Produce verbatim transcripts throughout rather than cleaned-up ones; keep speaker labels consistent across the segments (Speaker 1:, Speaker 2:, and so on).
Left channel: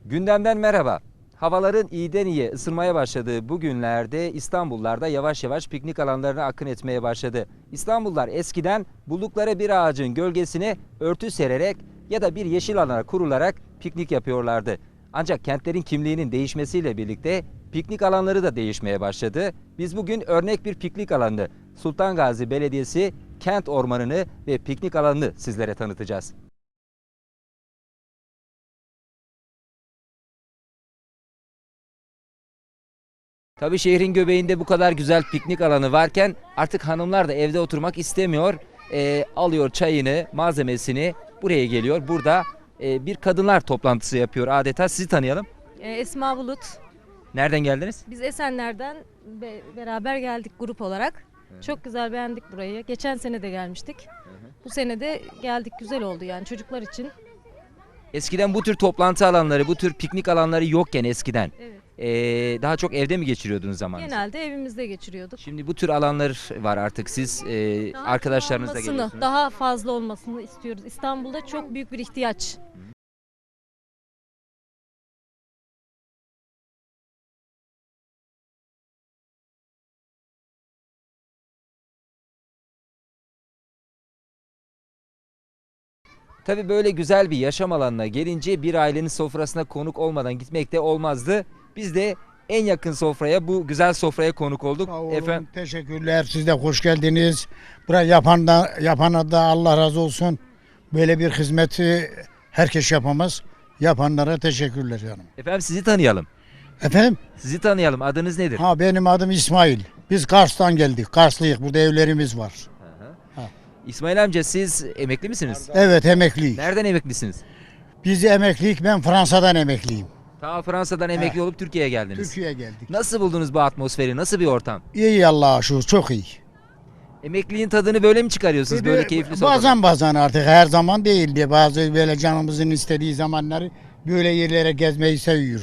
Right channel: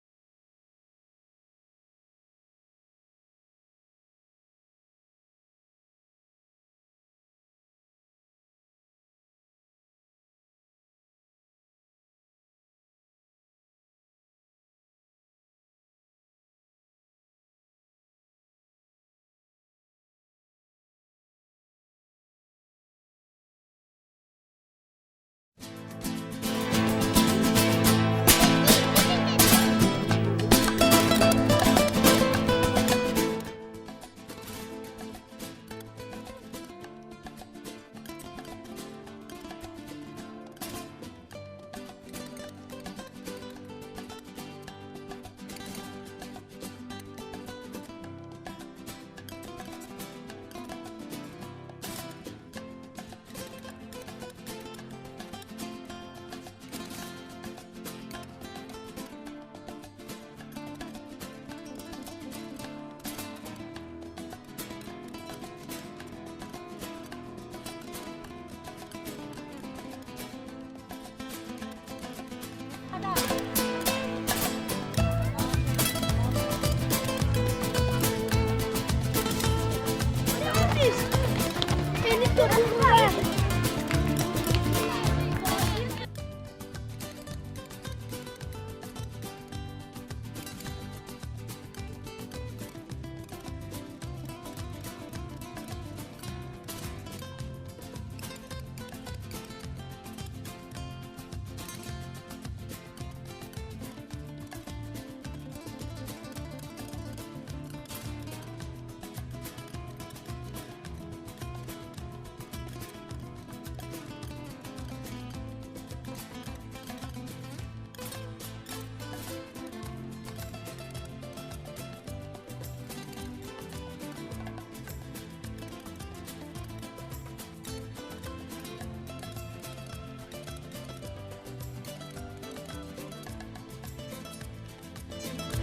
Speaker 1: Gündemden merhaba. Havaların iyiden iyiye ısınmaya başladığı bu günlerde İstanbullarda yavaş yavaş piknik alanlarına akın etmeye başladı. İstanbullular eskiden buldukları bir ağacın gölgesine örtü sererek ya da bir yeşil alana kurularak piknik yapıyorlardı. Ancak kentlerin kimliğinin değişmesiyle birlikte piknik alanları da değişmeye başladı. Biz bugün örnek bir piknik alanı Sultan Gazi Belediyesi kent ormanını ve piknik alanını sizlere tanıtacağız. Tabii şehrin göbeğinde bu kadar güzel piknik alanı varken artık hanımlar da evde oturmak istemiyor. E, alıyor çayını, malzemesini buraya geliyor. Burada e, bir kadınlar toplantısı yapıyor adeta. Sizi tanıyalım.
Speaker 2: Ee, Esma Bulut.
Speaker 1: Nereden geldiniz?
Speaker 2: Biz Esenler'den be- beraber geldik grup olarak. Çok güzel beğendik burayı. Geçen sene de gelmiştik. Bu sene de geldik, güzel oldu yani çocuklar için.
Speaker 1: Eskiden bu tür toplantı alanları, bu tür piknik alanları yokken eskiden
Speaker 2: Evet.
Speaker 1: e, daha çok evde mi geçiriyordunuz zamanınızı?
Speaker 2: Genelde evimizde geçiriyorduk.
Speaker 1: Şimdi bu tür alanlar var artık. Siz e,
Speaker 2: Daha
Speaker 1: arkadaşlarınızla
Speaker 2: olmasını,
Speaker 1: geliyorsunuz.
Speaker 2: Daha fazla olmasını istiyoruz. İstanbul'da çok büyük bir ihtiyaç.
Speaker 1: Tabii böyle güzel bir yaşam alanına gelince bir ailenin sofrasına konuk olmadan gitmek de olmazdı. Biz de en yakın sofraya, bu güzel sofraya konuk olduk.
Speaker 3: Sağ olun,
Speaker 1: Efendim,
Speaker 3: teşekkürler. Siz de hoş geldiniz. Burayı yapan da, yapana da Allah razı olsun. Böyle bir hizmeti herkes yapamaz. Yapanlara teşekkürler canım.
Speaker 1: efendim sizi tanıyalım.
Speaker 3: Efendim?
Speaker 1: Sizi tanıyalım. Adınız nedir?
Speaker 3: Ha benim adım İsmail. Biz Kars'tan geldik. Karslıyız. Burada evlerimiz var.
Speaker 1: İsmail amca, siz emekli misiniz?
Speaker 3: Evet, emekliyim.
Speaker 1: Nereden emeklisiniz?
Speaker 3: Biz emekliyik. Ben Fransa'dan emekliyim.
Speaker 1: Ta Fransa'dan emekli
Speaker 3: He.
Speaker 1: olup Türkiye'ye geldiniz.
Speaker 3: Türkiye'ye geldik.
Speaker 1: Nasıl buldunuz bu atmosferi? Nasıl bir ortam?
Speaker 3: İyi Allah'a şükür. Çok iyi.
Speaker 1: Emekliliğin tadını böyle mi çıkarıyorsunuz? Böyle keyifli sofrada?
Speaker 3: Bazen bazen artık her zaman değildi. Bazı böyle canımızın istediği zamanları böyle yerlere gezmeyi seviyoruz.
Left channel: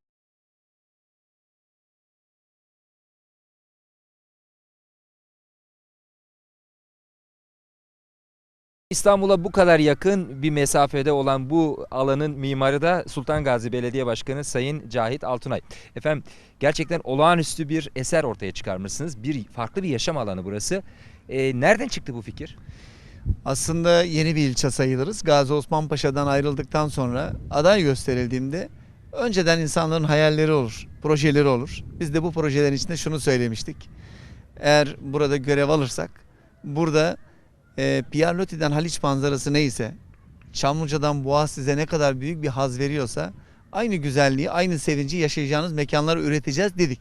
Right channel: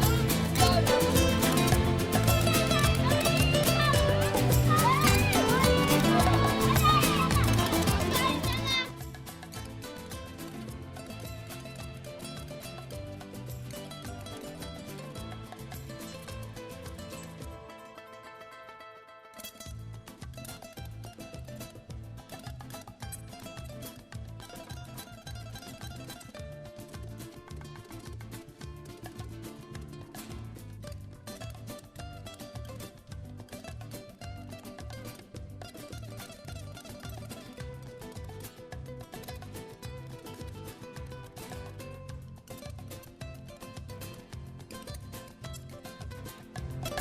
Speaker 1: İstanbul'a bu kadar yakın bir mesafede olan bu alanın mimarı da Sultan Gazi Belediye Başkanı Sayın Cahit Altunay. Efendim, gerçekten olağanüstü bir eser ortaya çıkarmışsınız. Bir farklı bir yaşam alanı burası. Ee, nereden çıktı bu fikir?
Speaker 4: Aslında yeni bir ilçe sayılırız. Gazi Osman Paşa'dan ayrıldıktan sonra aday gösterildiğinde önceden insanların hayalleri olur, projeleri olur. Biz de bu projelerin içinde şunu söylemiştik. Eğer burada görev alırsak, burada e, Pierre Loti'den Haliç manzarası neyse, Çamlıca'dan Boğaz size ne kadar büyük bir haz veriyorsa, aynı güzelliği, aynı sevinci yaşayacağınız mekanları üreteceğiz dedik.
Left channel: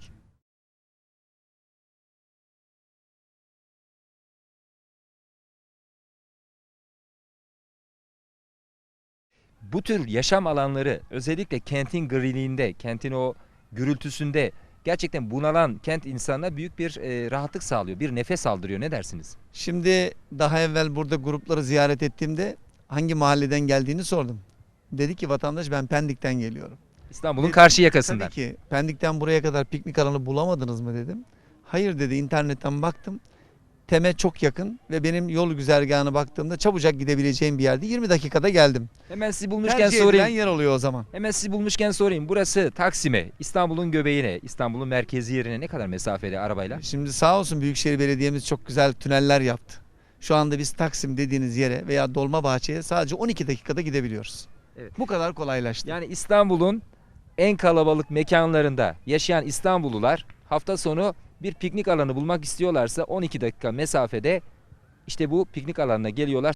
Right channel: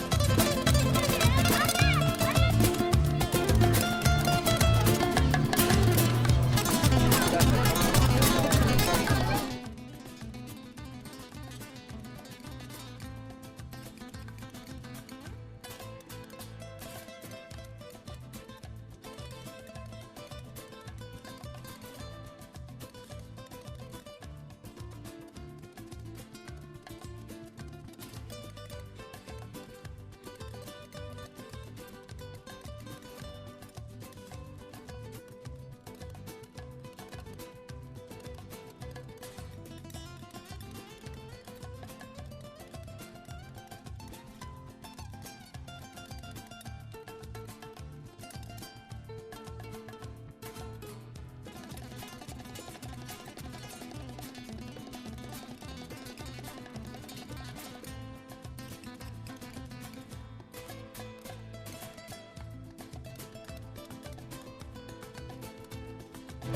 Speaker 1: Bu tür yaşam alanları özellikle kentin griliğinde, kentin o gürültüsünde gerçekten bunalan kent insanına büyük bir e, rahatlık sağlıyor. Bir nefes aldırıyor. Ne dersiniz?
Speaker 4: Şimdi daha evvel burada grupları ziyaret ettiğimde hangi mahalleden geldiğini sordum. Dedi ki vatandaş ben Pendik'ten geliyorum.
Speaker 1: İstanbul'un
Speaker 4: Biz-
Speaker 1: karşı yakasından.
Speaker 4: Tabii ki Pendik'ten buraya kadar piknik alanı bulamadınız mı dedim. Hayır dedi, internetten baktım. Tem'e çok yakın ve benim yol güzergahına baktığımda çabucak gidebileceğim bir yerde yirmi dakikada geldim.
Speaker 1: Hemen sizi bulmuşken
Speaker 4: Tercih
Speaker 1: sorayım.
Speaker 4: edilen yer oluyor o zaman.
Speaker 1: Hemen sizi bulmuşken sorayım. Burası Taksim'e, İstanbul'un göbeğine, İstanbul'un merkezi yerine ne kadar mesafeli arabayla?
Speaker 4: Şimdi sağ olsun Büyükşehir Belediye'miz çok güzel tüneller yaptı. Şu anda biz Taksim dediğiniz yere veya Dolmabahçe'ye sadece on iki dakikada gidebiliyoruz.
Speaker 1: Evet.
Speaker 4: Bu kadar kolaylaştı.
Speaker 1: Yani İstanbul'un en kalabalık mekanlarında yaşayan İstanbullular hafta sonu bir piknik alanı bulmak istiyorlarsa on iki dakika mesafede işte bu piknik alanına geliyorlar.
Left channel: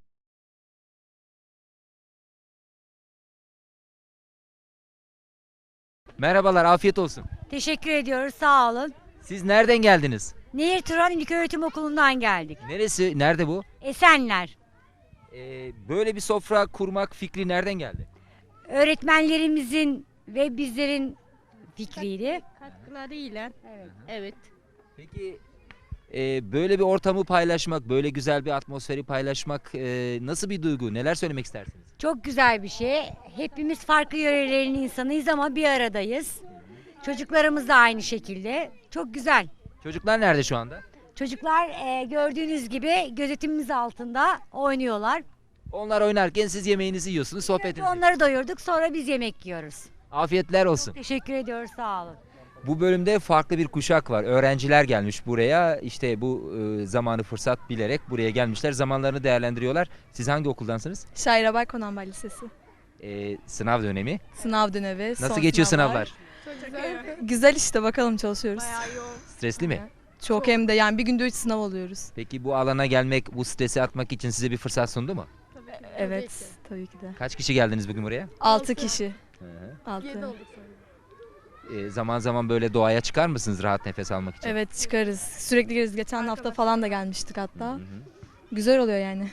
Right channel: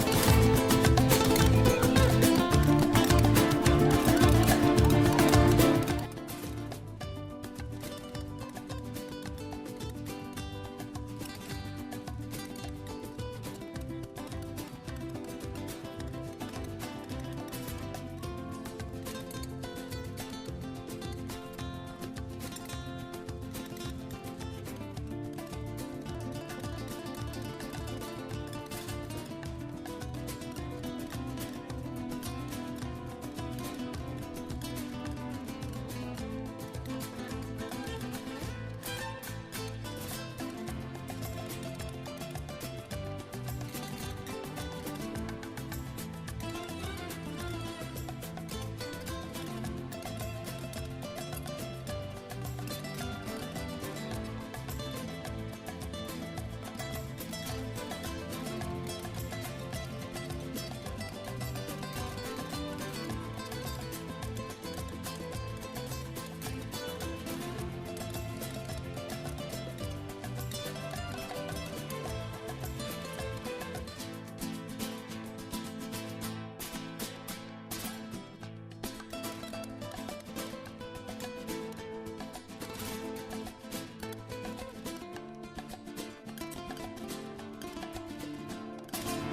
Speaker 1: Merhabalar, afiyet olsun.
Speaker 5: Teşekkür ediyoruz, sağ olun.
Speaker 1: Siz nereden geldiniz?
Speaker 5: Nehir Turan İlköğretim Okulu'ndan geldik.
Speaker 1: Neresi, nerede bu?
Speaker 5: Esenler.
Speaker 1: Ee, böyle bir sofra kurmak fikri nereden geldi?
Speaker 5: Öğretmenlerimizin ve bizlerin fikriydi.
Speaker 2: Katkılarıyla. Evet.
Speaker 1: Peki e, böyle bir ortamı paylaşmak, böyle güzel bir atmosferi paylaşmak e, nasıl bir duygu? Neler söylemek isterdin?
Speaker 5: Çok güzel bir şey. Hepimiz farklı yörelerin insanıyız ama bir aradayız. Çocuklarımız da aynı şekilde. Çok güzel.
Speaker 1: Çocuklar nerede şu anda?
Speaker 5: Çocuklar e, gördüğünüz gibi gözetimimiz altında oynuyorlar.
Speaker 1: Onlar oynarken siz yemeğinizi yiyorsunuz, sohbet ediyorsunuz.
Speaker 5: Onları doyurduk, sonra biz yemek yiyoruz.
Speaker 1: Afiyetler olsun.
Speaker 5: Teşekkür ediyoruz, sağ olun.
Speaker 1: Bu bölümde farklı bir kuşak var. Öğrenciler gelmiş buraya. İşte bu e, zamanı fırsat bilerek buraya gelmişler. Zamanlarını değerlendiriyorlar. Siz hangi okuldansınız?
Speaker 6: Şairabay Konanbay Lisesi.
Speaker 1: E, sınav dönemi.
Speaker 6: Sınav dönemi.
Speaker 1: Nasıl
Speaker 6: son
Speaker 1: geçiyor
Speaker 6: sınavlar.
Speaker 1: sınavlar?
Speaker 6: Güzel işte, bakalım, çalışıyoruz.
Speaker 1: Stresli mi?
Speaker 6: Çok, hem de yani bir günde üç sınav oluyoruz.
Speaker 1: Peki bu alana gelmek, bu stresi atmak için size bir fırsat sundu mu?
Speaker 6: Evet, tabii ki.
Speaker 1: Kaç kişi geldiniz bugün buraya?
Speaker 6: Altı kişi. Altı.
Speaker 1: E, zaman zaman böyle doğaya çıkar mısınız rahat nefes almak için?
Speaker 6: Evet, çıkarız. Sürekli geliriz. Geçen hafta falan da gelmiştik hatta. Güzel oluyor yani.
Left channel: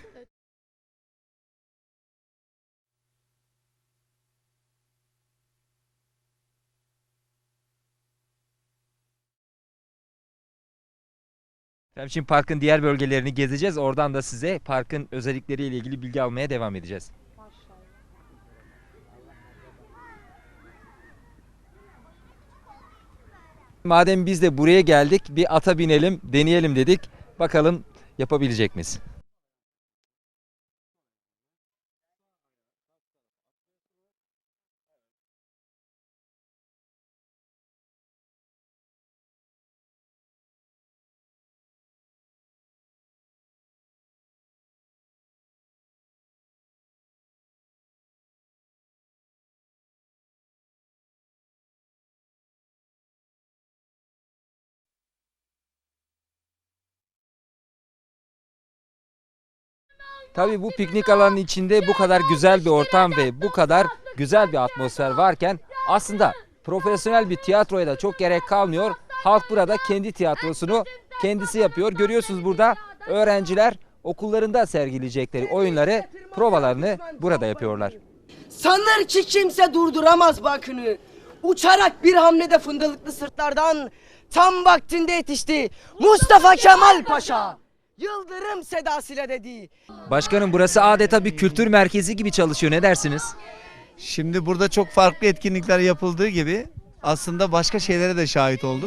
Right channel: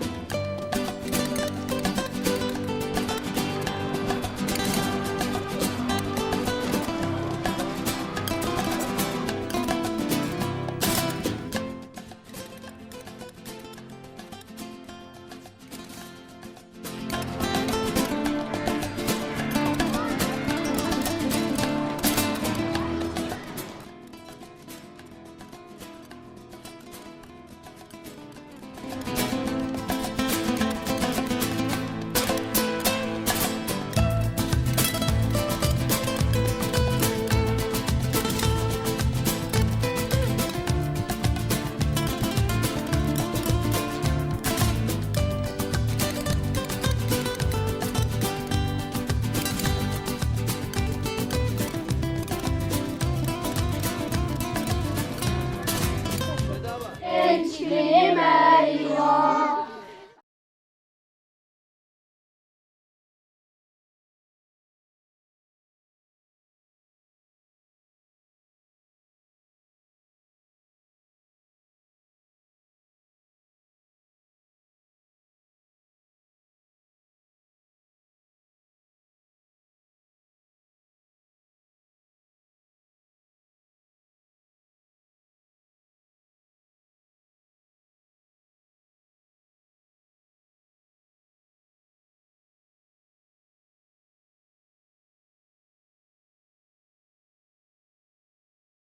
Speaker 1: Hem Şimdi parkın diğer bölgelerini gezeceğiz. Oradan da size parkın özellikleriyle ilgili bilgi almaya devam edeceğiz. Madem biz de buraya geldik, bir ata binelim, deneyelim dedik. Bakalım yapabilecek miyiz? Tabii bu piknik alanının içinde bu kadar güzel bir ortam ve bu kadar güzel bir atmosfer varken aslında profesyonel bir tiyatroya da çok gerek kalmıyor. Halk burada kendi tiyatrosunu kendisi yapıyor. Görüyorsunuz burada öğrenciler okullarında sergileyecekleri oyunları, provalarını burada yapıyorlar.
Speaker 7: Sanır ki kimse durduramaz bakını. Uçarak bir hamlede fındıklı sırtlardan tam vaktinde yetişti Mustafa Kemal Paşa. Yıldırım sedasıyla dedi.
Speaker 1: Başkanım, burası adeta bir kültür merkezi gibi çalışıyor. Ne dersiniz?
Speaker 4: Şimdi burada çok farklı etkinlikler yapıldığı gibi aslında başka şeylere de şahit olduk.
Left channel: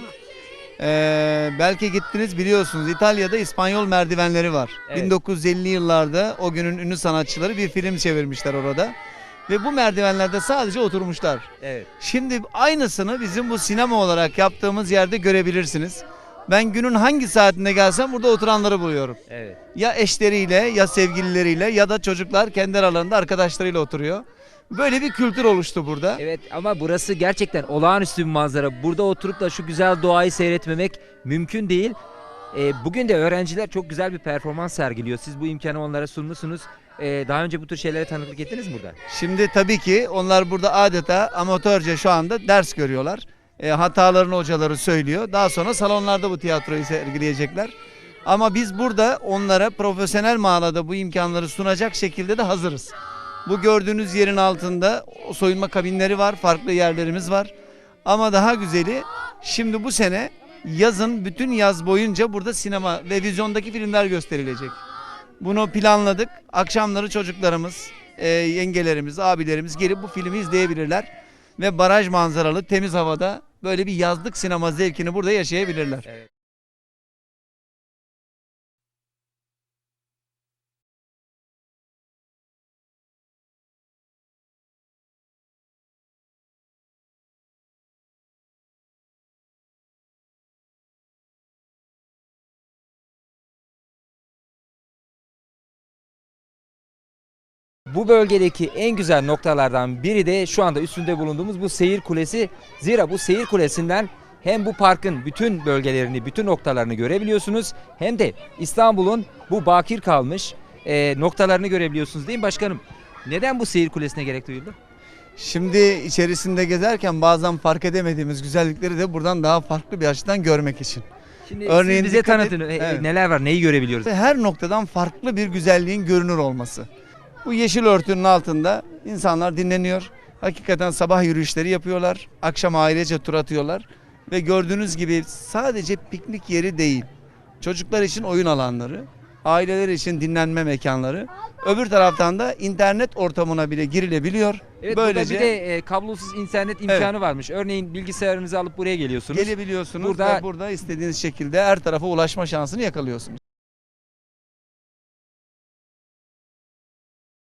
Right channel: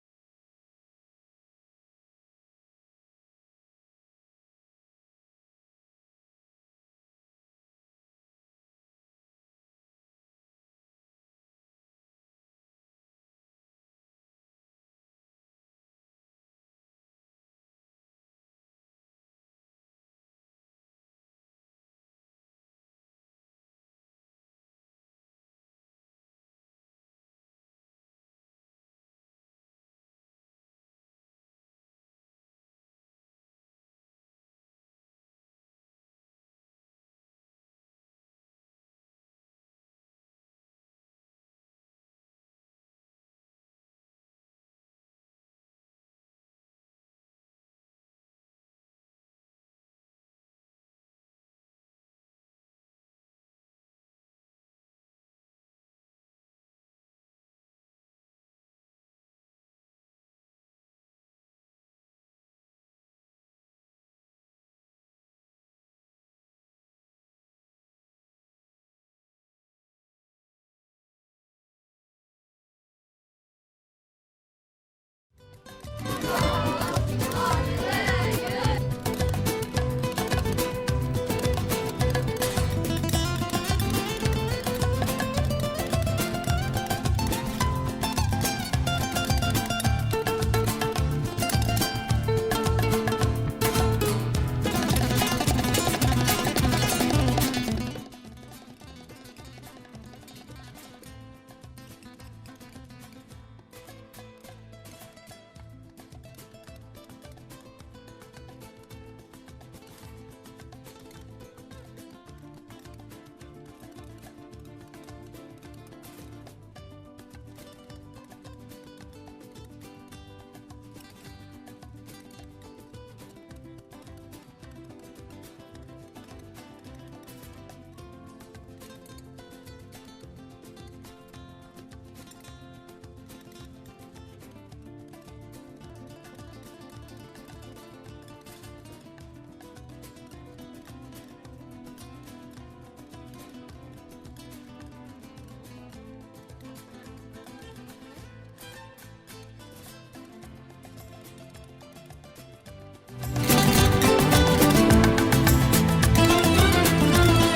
Speaker 4: Ee, belki gittiniz, biliyorsunuz İtalya'da İspanyol merdivenleri var.
Speaker 1: Evet.
Speaker 4: bin dokuz yüz elli yıllarda o günün ünlü sanatçıları bir film çevirmişler orada. Ve bu merdivenlerde sadece oturmuşlar.
Speaker 1: Evet.
Speaker 4: Şimdi aynısını bizim bu sinema olarak yaptığımız yerde görebilirsiniz. Ben günün hangi saatinde gelsem burada oturanları buluyorum.
Speaker 1: Evet.
Speaker 4: Ya eşleriyle, ya sevgilileriyle, ya da çocuklar kendi aralarında arkadaşlarıyla oturuyor. Böyle bir kültür oluştu burada.
Speaker 1: Evet, ama burası gerçekten olağanüstü bir manzara. Burada oturup da şu güzel doğayı seyretmemek mümkün değil. Ee, bugün de öğrenciler çok güzel bir performans sergiliyor. Siz bu imkanı onlara sunmuşsunuz. Ee, daha önce bu tür şeylere tanıklık ettiniz mi burada?
Speaker 4: Şimdi tabii ki onlar burada adeta amatörce şu anda ders görüyorlar. E, hatalarını hocaları söylüyor. Daha sonra salonlarda bu tiyatroyu sergileyecekler. Ama biz burada onlara profesyonel manada bu imkanları sunacak şekilde de hazırız. Bu gördüğünüz yerin altında o soyunma kabinleri var, farklı yerlerimiz var. Ama daha güzeli, şimdi bu sene yazın bütün yaz boyunca burada sinema ve vizyondaki filmler gösterilecek. Bunu planladık. Akşamları çocuklarımız, e, yengelerimiz, abilerimiz gelip bu filmi izleyebilirler. Ve baraj manzaralı temiz havada böyle bir yazlık sinema zevkini burada yaşayabilirler.
Speaker 1: Bu bölgedeki en güzel noktalardan biri de şu anda üstünde bulunduğumuz bu seyir kulesi. Zira bu seyir kulesinden hem bu parkın bütün bölgelerini, bütün noktalarını görebiliyorsunuz, hem de İstanbul'un bu bakir kalmış e, noktalarını görebiliyorsunuz, değil mi başkanım? Neden bu seyir kulesine gerek duyuldu?
Speaker 4: Şimdi içerisinde gezerken bazen fark edemediğimiz güzellikleri de buradan daha farklı bir açıdan görmek için.
Speaker 1: Şimdi
Speaker 4: Örneğin
Speaker 1: siz bize
Speaker 4: dikkat et-
Speaker 1: tanıtın. E,
Speaker 4: Evet.
Speaker 1: Neler var, neyi görebiliyoruz?
Speaker 4: Her noktadan farklı bir güzelliğin görünür olması. Bu yeşil örtünün altında insanlar dinleniyor. Hakikaten sabah yürüyüşleri yapıyorlar. Akşam ailece tur atıyorlar. Ve gördüğünüz gibi sadece piknik yeri değil. Çocuklar için oyun alanları, aileler için dinlenme mekanları. Öbür taraftan da internet ortamına bile girilebiliyor.
Speaker 1: Evet,
Speaker 4: Böylece
Speaker 1: burada bir de e, kablosuz internet imkanı varmış. Örneğin bilgisayarınızı alıp buraya geliyorsunuz.
Speaker 4: gelebiliyorsunuz
Speaker 1: Burada-
Speaker 4: ve burada istediğiniz şekilde her tarafa ulaşma şansını yakalıyorsunuz.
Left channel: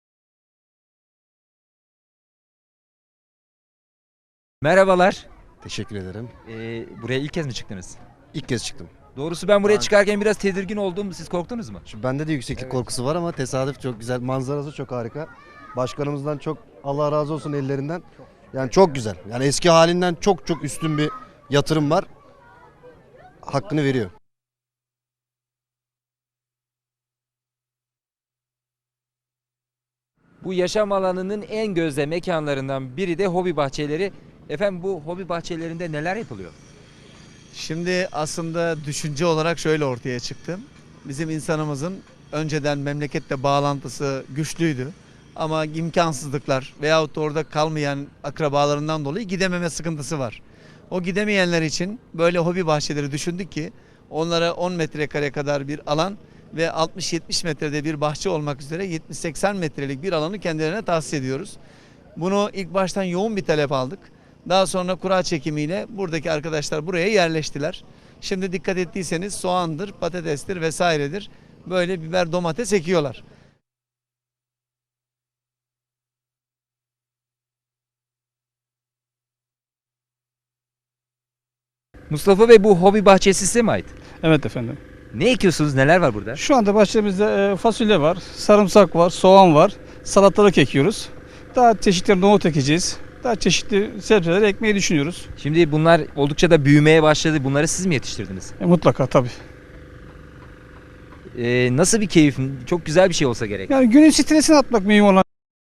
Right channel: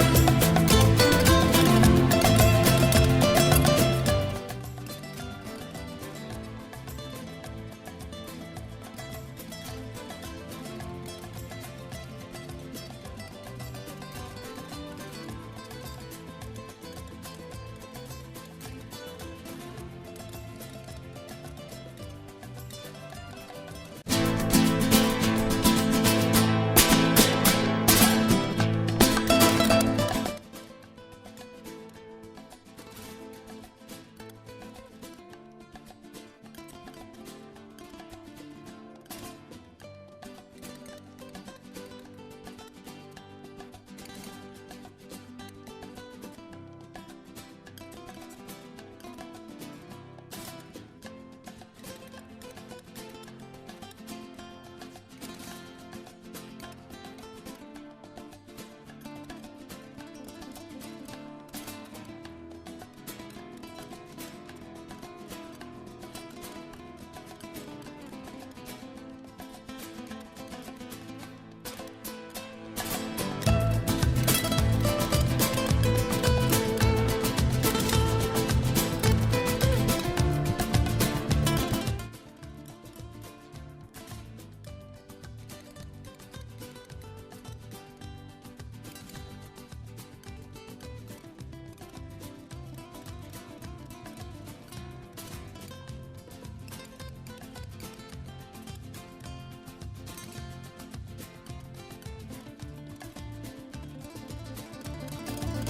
Speaker 1: Merhabalar.
Speaker 8: Teşekkür ederim.
Speaker 1: Ee, buraya ilk kez mi çıktınız?
Speaker 8: İlk kez çıktım.
Speaker 1: Doğrusu ben buraya
Speaker 8: Ben-
Speaker 1: çıkarken biraz tedirgin oldum. Siz korktunuz mu?
Speaker 8: Şu bende de yükseklik
Speaker 1: Evet.
Speaker 8: korkusu var ama tesadüf çok güzel. Manzarası çok harika. Başkanımızdan çok Allah razı olsun ellerinden. Yani çok güzel. Yani eski halinden çok çok üstün bir yatırım var. Hakkını veriyorum.
Speaker 1: Bu yaşam alanının en gözde mekanlarından biri de hobi bahçeleri. Efendim bu hobi bahçelerinde neler yapılıyor?
Speaker 4: Şimdi aslında düşünce olarak şöyle ortaya çıktı. Bizim insanımızın önceden memleketle bağlantısı güçlüydü. Ama imkansızlıklar veyahut da orada kalmayan akrabalarından dolayı gidememe sıkıntısı var. O gidemeyenler için böyle hobi bahçeleri düşündük ki onlara on metrekare kadar bir alan ve altmış yetmiş metrede bir bahçe olmak üzere yetmiş seksen metrelik bir alanı kendilerine tahsis ediyoruz. Bunu ilk baştan yoğun bir talep aldık. Daha sonra kura çekimiyle buradaki arkadaşlar buraya yerleştiler. Şimdi dikkat ettiyseniz soğandır, patatestir vesairedir. Böyle biber, domates ekiyorlar.
Speaker 1: Mustafa Bey bu hobi bahçesi size mi ait?
Speaker 9: Evet efendim.
Speaker 1: Ne ekiyorsunuz? Neler var burada?
Speaker 9: Şu anda bahçemizde e, fasulye var, sarımsak var, soğan var, salatalık ekiyoruz. Daha çeşitli nohut ekeceğiz. Daha çeşitli sebzeler ekmeyi düşünüyoruz.
Speaker 1: Şimdi bunlar oldukça da büyümeye başladı. Bunları siz mi yetiştirdiniz?
Speaker 9: E, mutlaka tabii.
Speaker 1: Ee, nasıl bir keyif? Çok güzel bir şey olsa gerek.
Speaker 9: Yani günün stresini atmak mühim olan.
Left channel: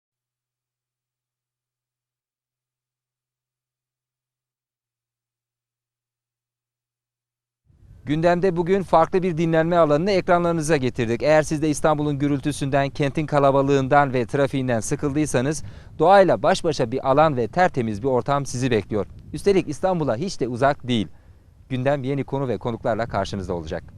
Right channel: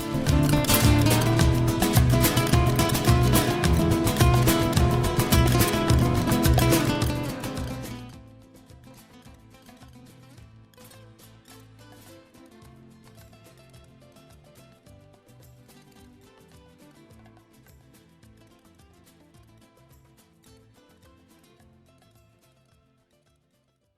Speaker 1: Gündemde bugün farklı bir dinlenme alanını ekranlarınıza getirdik. Eğer siz de İstanbul'un gürültüsünden, kentin kalabalığından ve trafiğinden sıkıldıysanız doğayla baş başa bir alan ve tertemiz bir ortam sizi bekliyor. Üstelik İstanbul'a hiç de uzak değil. Gündem yeni konu ve konuklarla karşınızda olacak.